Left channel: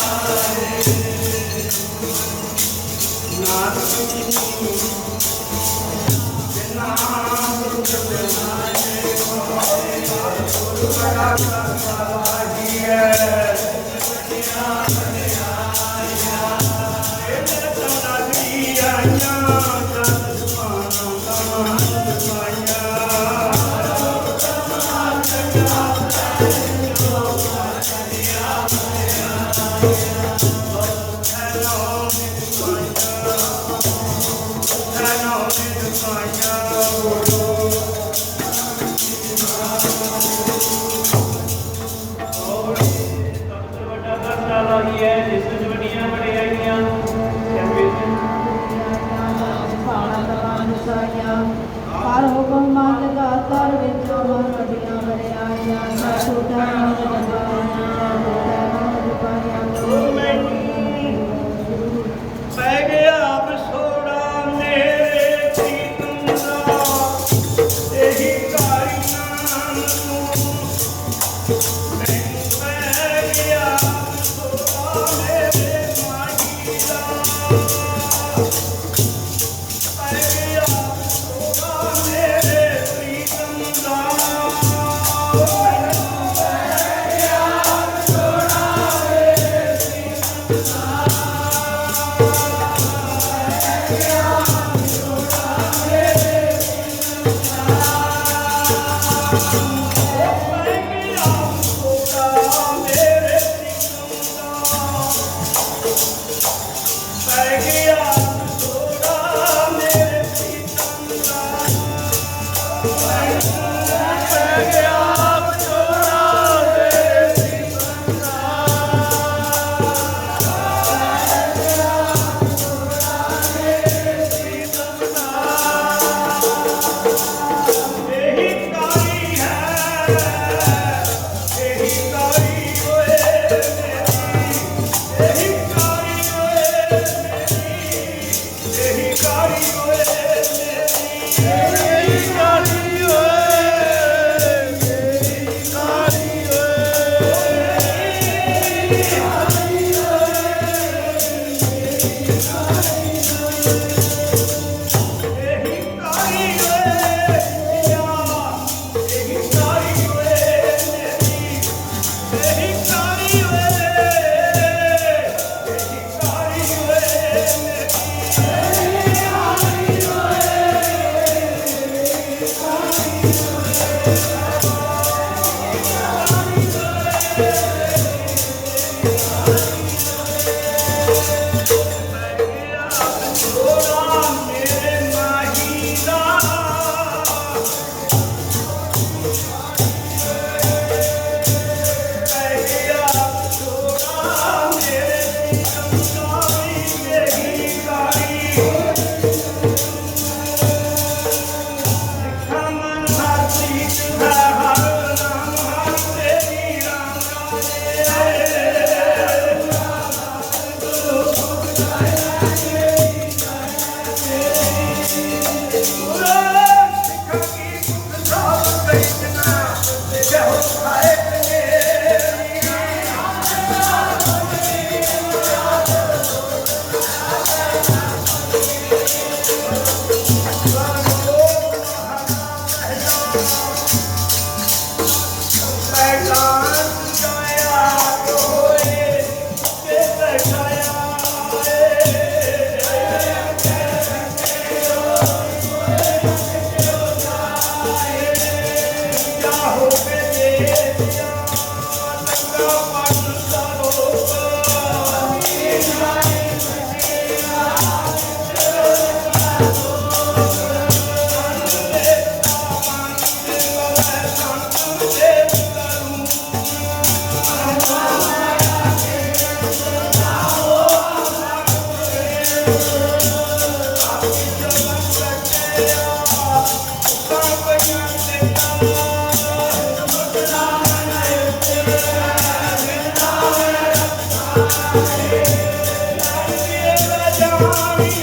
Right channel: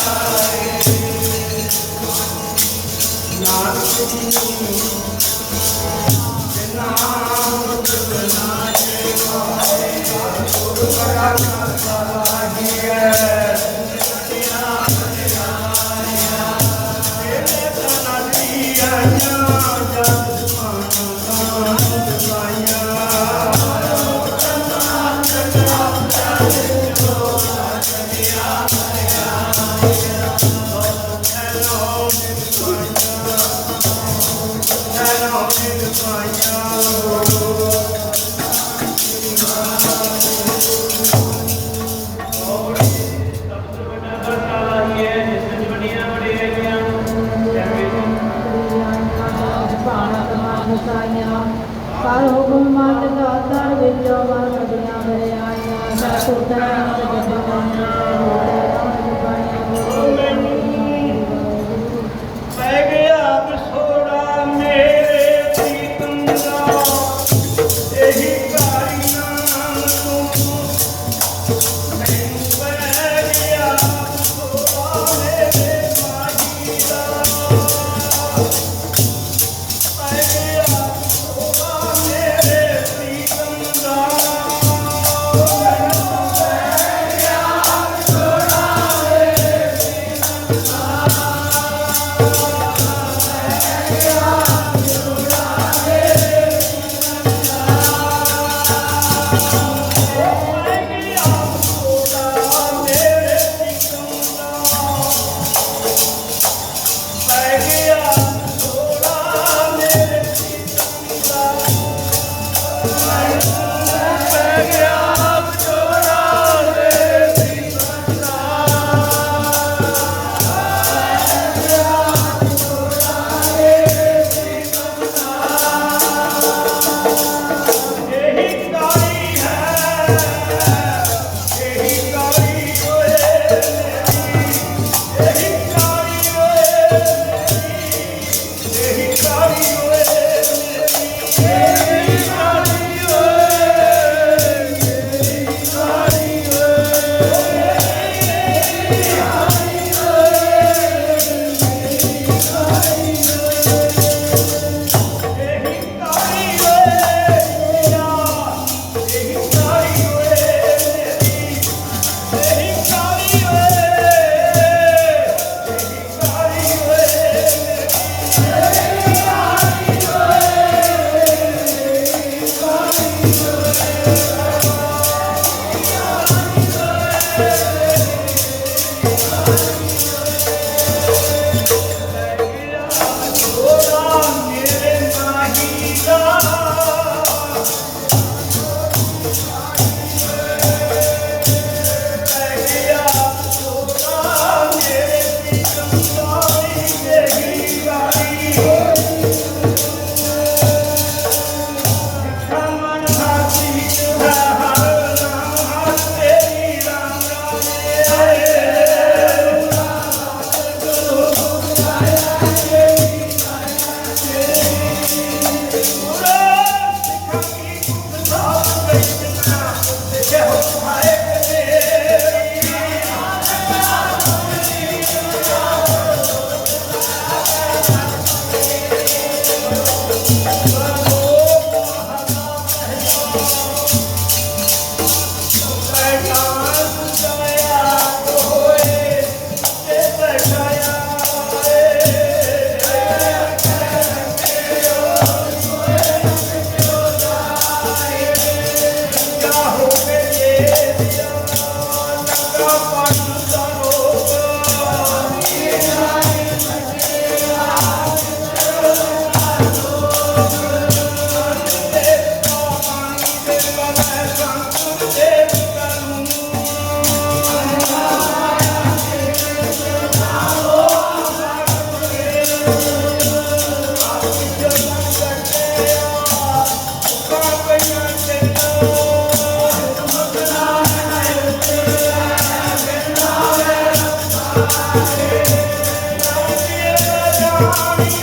I'm not a Sorry.